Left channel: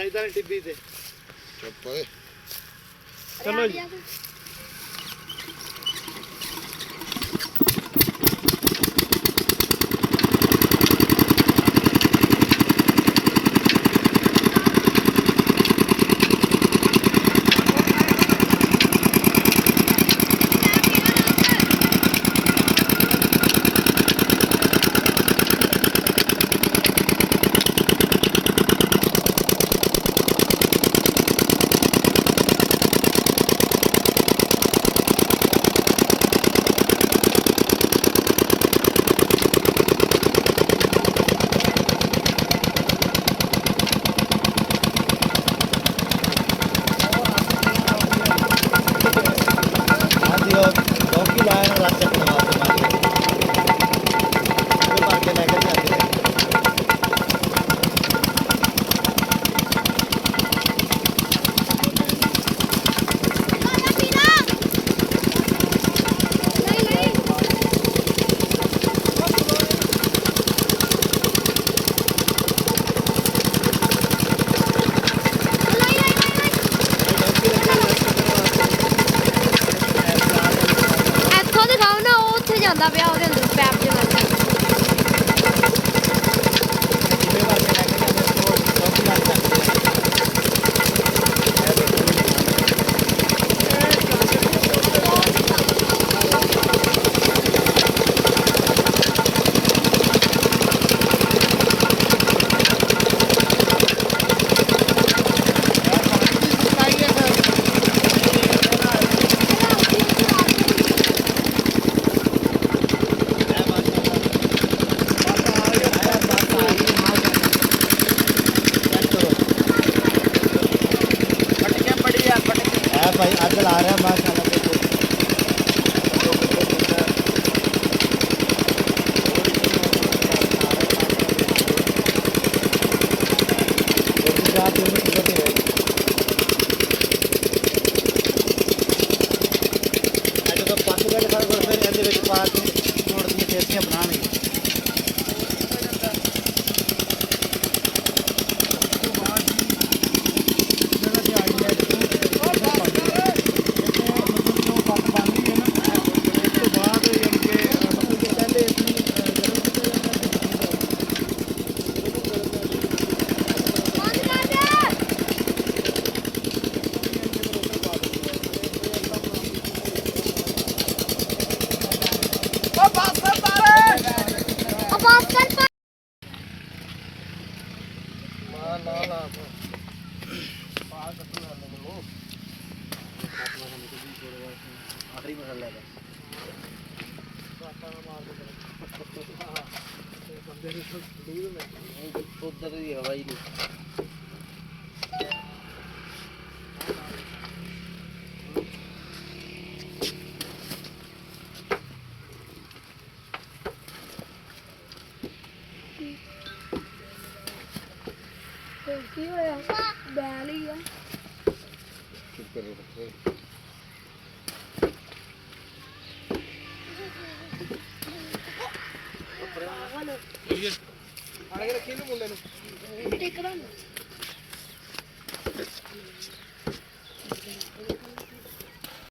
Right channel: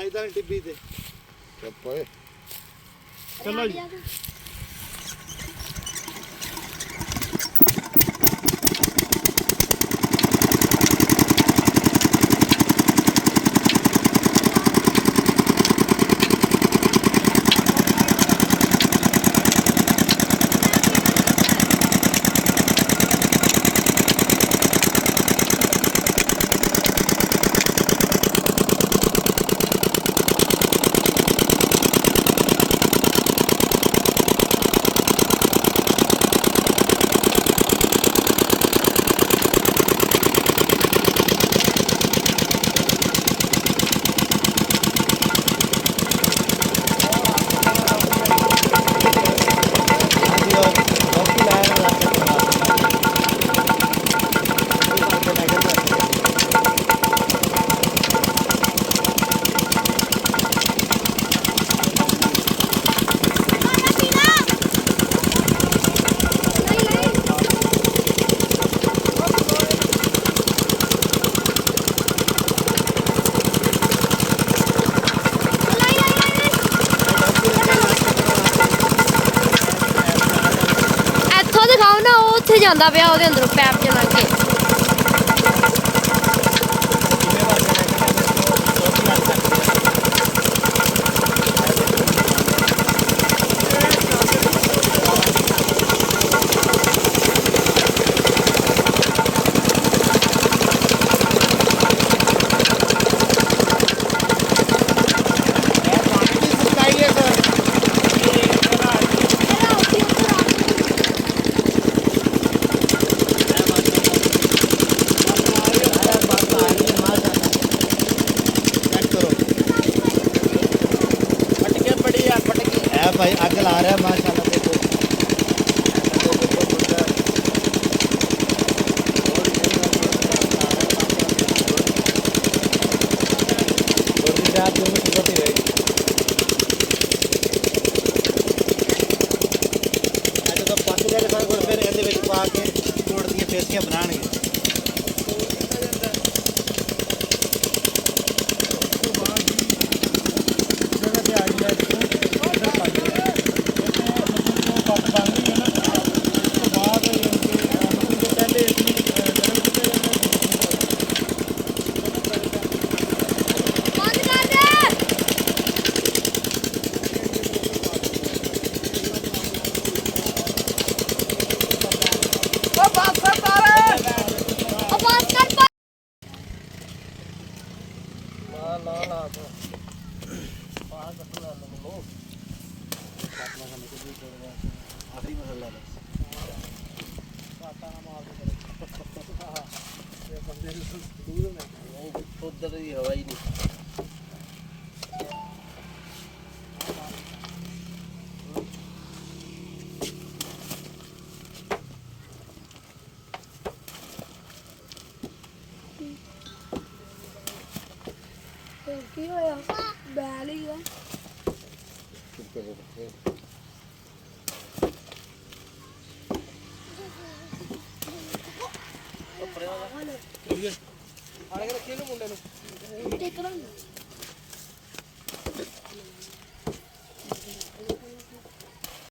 ਚਾਹੀਦਾ ਨਹੀਂ ਟਿੱਬੀ ਤੇ ਚੁੱਪ ਓਏ ਚਲੋ ਜੀ ਜਾਂਦਾ ਪਿਆ ਉਹਦੇ ਅੰਦਰੋਂ ਪੈਪ ਜਿਹਾ ਲੱਗ ਗਿਆ भाई आग ला रहा है माशाल्लाह देखो उधर ही हवा ही नहीं ਕੀ ਹੋਇਆ ਬੈਲ ਹੀ ਆ ਚੁੱਪ ਕਰ ਰੱਖੇ आगे रखिए ना मुंडे ने ਟਿਕੜਾ